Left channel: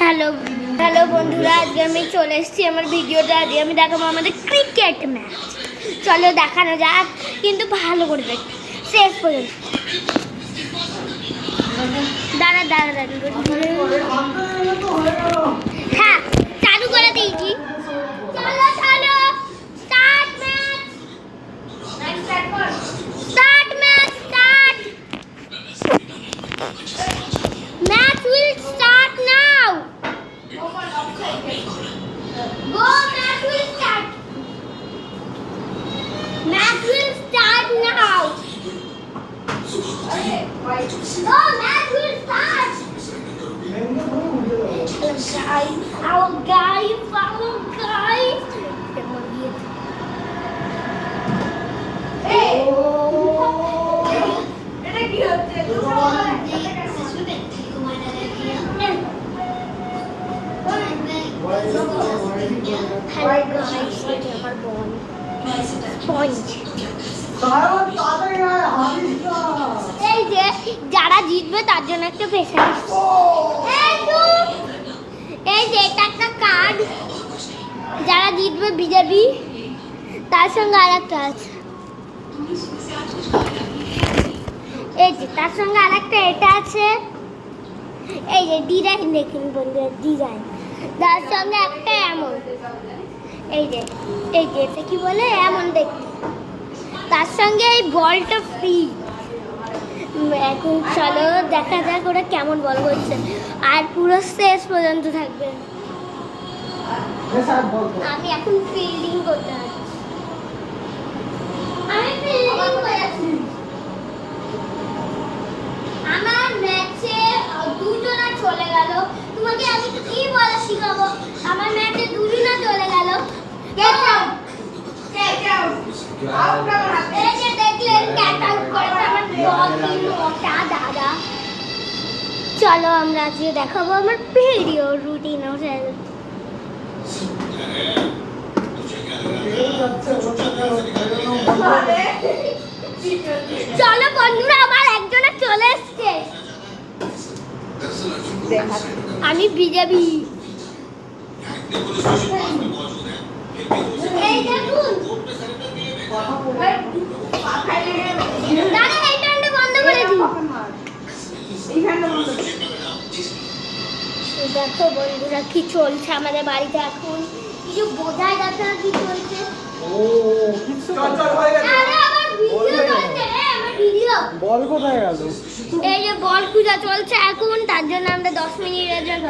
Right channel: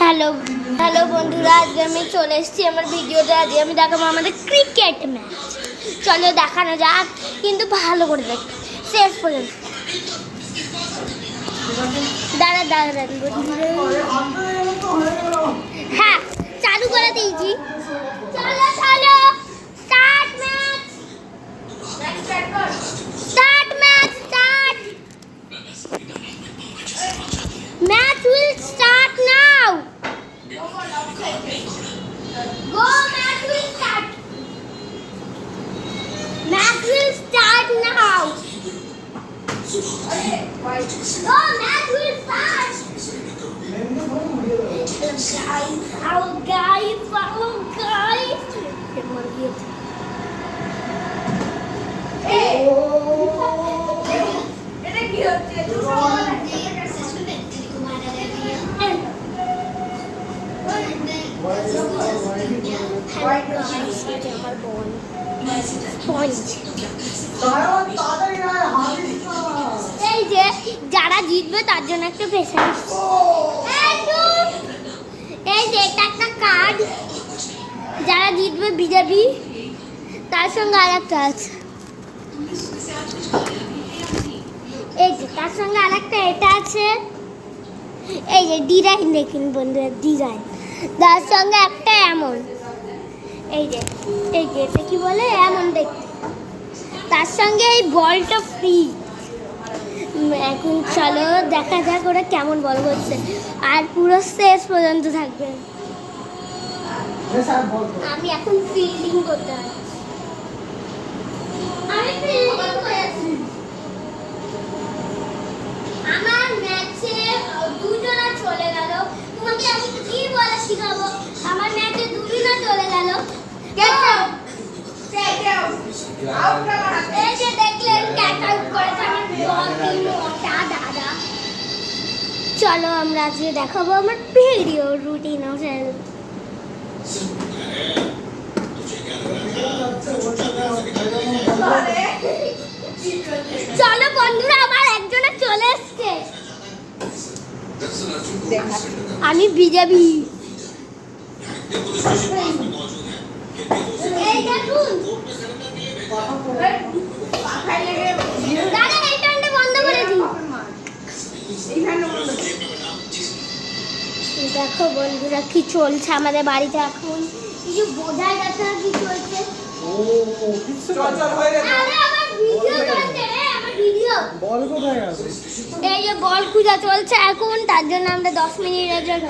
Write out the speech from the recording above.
Hello hello বন্ধুরা, আজকে আমি চলে এসেছি আমার ভিডিওটা। আজকে আমি দেখাবো আমাদের ক্রিকেট ম্যাচ। চলো দেখানো যাক, কিন্তু ভালো করে দেখ শেষ পর্যন্ত। দাঁড়া দাঁড়া দাঁড়া, হ্যাঁ চালু করে দিয়েছি। চলো চলো, start match, start match, start match will start now. Go, match will start. Match will start now. Go, match will start. Follow guys, follow guys. Hey. এটা কি হচ্ছে? এই যে যারা জিতবে তার জন্য একটা প্রেসার। এই যে এটা একটা কার্ড, যারা জিতবে বিজেপি, তার সঙ্গে আর একটা আছে। এই যে তার সঙ্গে আর একটা এটা আছে। এই যে ডিজাইন দেখুন বন্ধুরা, ডিজাইন তার সঙ্গে একটা এমন। এই যে এটা কি বলে, এমন দেখতে। তার সঙ্গে এই বলটা ফ্রি। এখন চলো দেখা যাক ওরা কেমন বল করছে, আর পুরো শেষ পর্যন্ত থাকবে। আমি এখন ফিল্ডিং করতে হবে। আমি ফিল্ডিং করে আছি। আমার ম্যাচে দুজনা চলে গেল। তোমাকে আমি কি বলা শিখাবো? আমার ম্যাচে দুজনা চলে গেল। Get out, get out, out না বাড়াতে। এই যে দেখলেন গেট আউট করেছে আমার বল মোটা দাদা। চলো আমরা আজকে দেখাবো আমার ভিডিও রুটিন। চলো বন্ধুরা, আবার একজনে চলে এসছে। আমি বিজেপি। এই দেখুন দাদা, এইটা আমি বন্ধ করে দিই। দেখো বন্ধুরা কি চলছে আমাদের বাড়িতে এখন, কিছু বোঝাই যাচ্ছে না কি চলছে। বল কোথায় গেল? এই যে বল পূজা চলছে এখন, তার জন্য আমরা 10 মিনিটের জন্য